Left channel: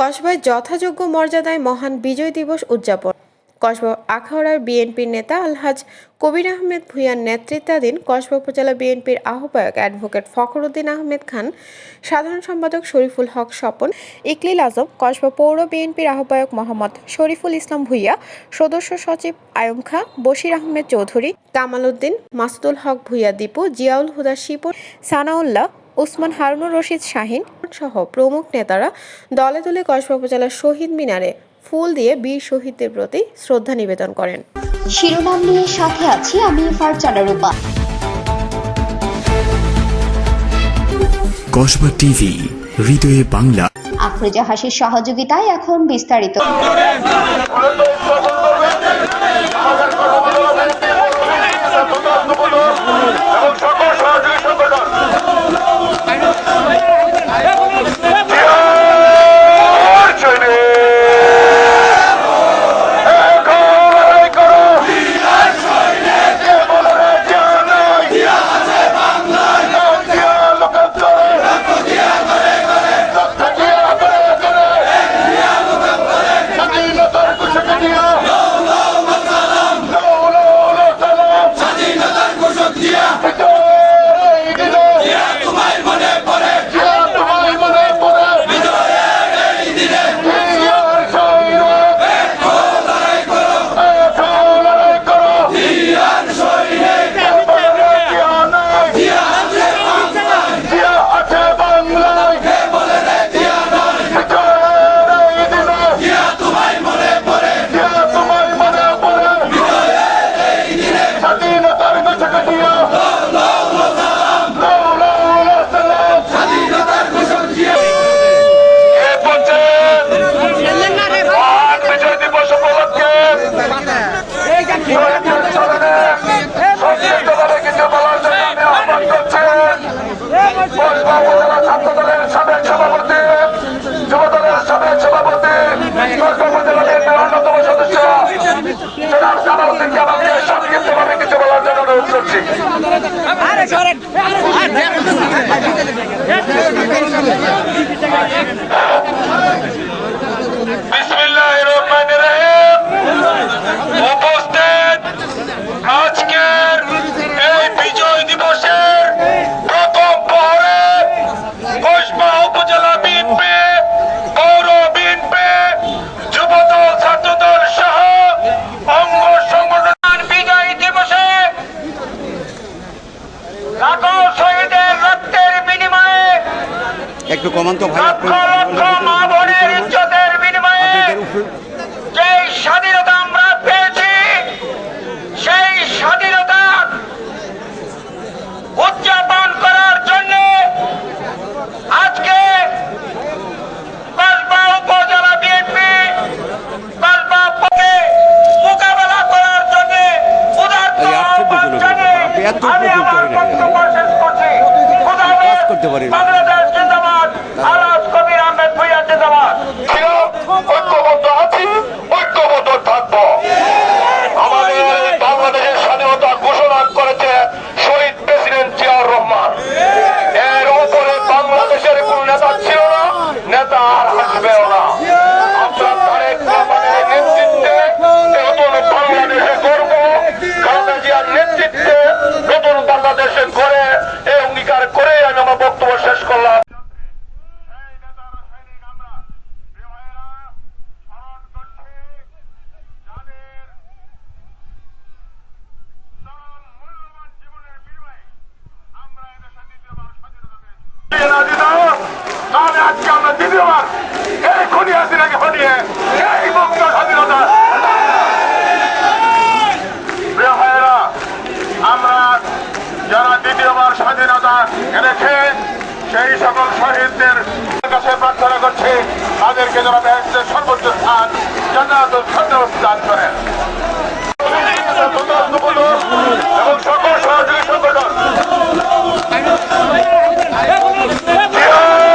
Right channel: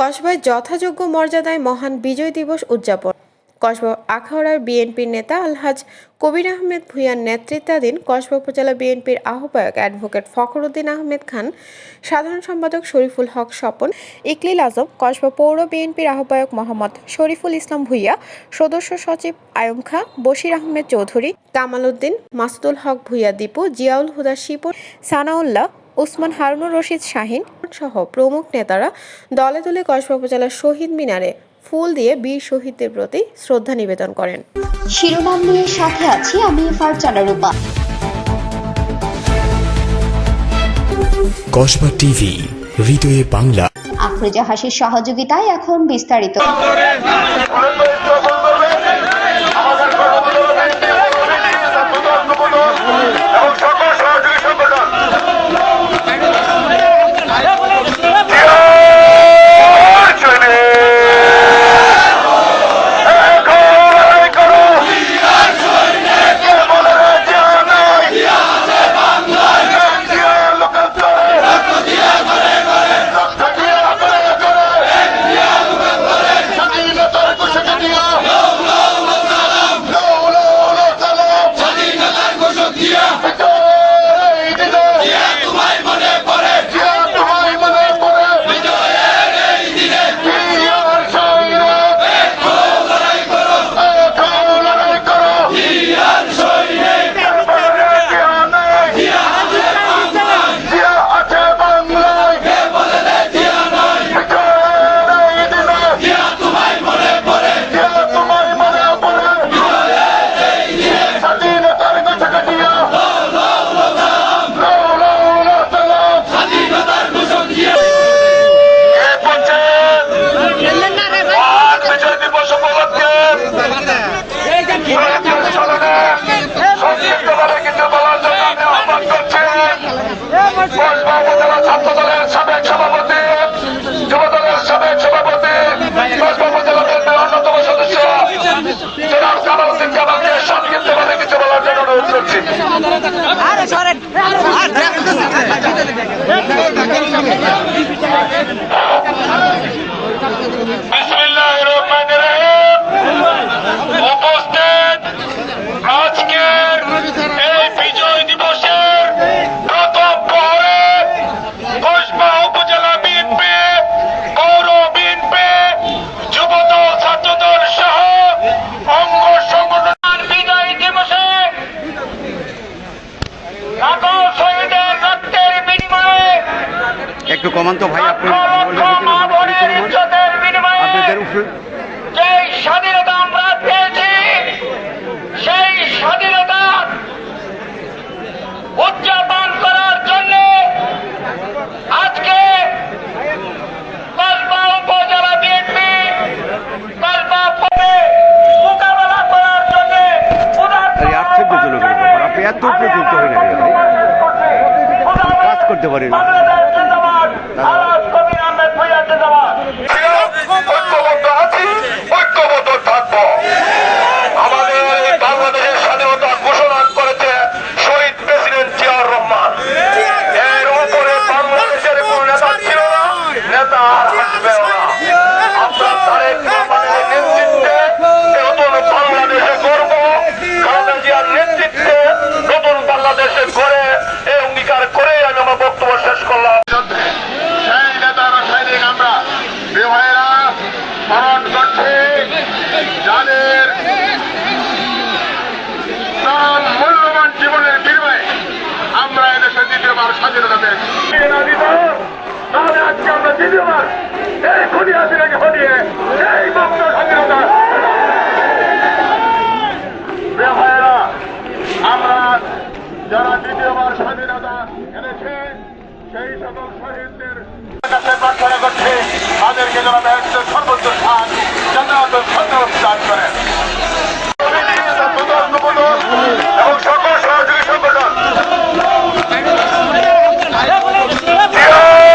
কসবায় যথাযোগ্য মর্যাদায় মহান বিজয় দিবস উদযাপন। কসবা আখাউড়ার বিএনপির নেতা আলহাজ কবির আহমেদ ভূঁইয়ার নেতৃত্বাধীন কসবা উপজেলা বিএনপির আহ্বায়ক অ্যাডভোকেট ফখরুদ্দিন আহমেদ খান, সাধারণ সম্পাদক শরীফুল হক স্বপন, ইকলিল আজম, কসবা পৌর বিএনপির আহ্বায়ক মোহাম্মদ শরীফুল ইসলাম ভূঁইয়া, সদস্য সচিব আয়ম খা, বশির আহমেদ চৌধুরী, কামাল উদ্দিন, মাসুদুল হক ভূঁইয়া দীপু, জিয়াউল হুদা শিপুর সানাউল্লাহ ওসমান হারুনুর রশিদ শাহিন সহ প্রমুখ নেতারা দলে দলে কসবা উপজেলার শহীদ মিনারে ফুল দিয়ে বীর শহীদদের প্রতি শ্রদ্ধা নিবেদন করেন। শিরোনাম নিয়ে সাথে আছি আমি ফারজানা রূপা। কসবা টিভি হৃদয়ে বাংলা। আফরোজা হাসির সহযোগিতায় এখন বিস্তারিত। কামাল উদ্দিন সংক্ষিপ্তভাবে কিছু বলার জন্য অনুরোধ করছি। বিসমিল্লাহির একটু কমান তো ভাই আপনাদের উপরে স্বাধীনতা আমরা পেয়েছি সেই স্বাধীনতা উদযাপন করার জন্য আজকে কসবা উপজেলা বিএনপি পথে মোকাবেলা করার জন্য আপনি এত কাজ করতে পারেন। আরো আজকে আমরা দ্বিতীয়বার এই খুনি হাসিনাকে হটিয়ে এই মুক্ত স্বাধীনতা। আমরা যারা দ্বিতীয়বার স্বাধীনতা এনেছে, সেই সকল শহীদদের কাছে প্রার্থনা করছে, তাদেরকে যারা দায়িত্বের সর্বোচ্চ স্থান জান্নাত সন্ন্যাস দান করেন। এবং সকল সহযোগী সংগঠন।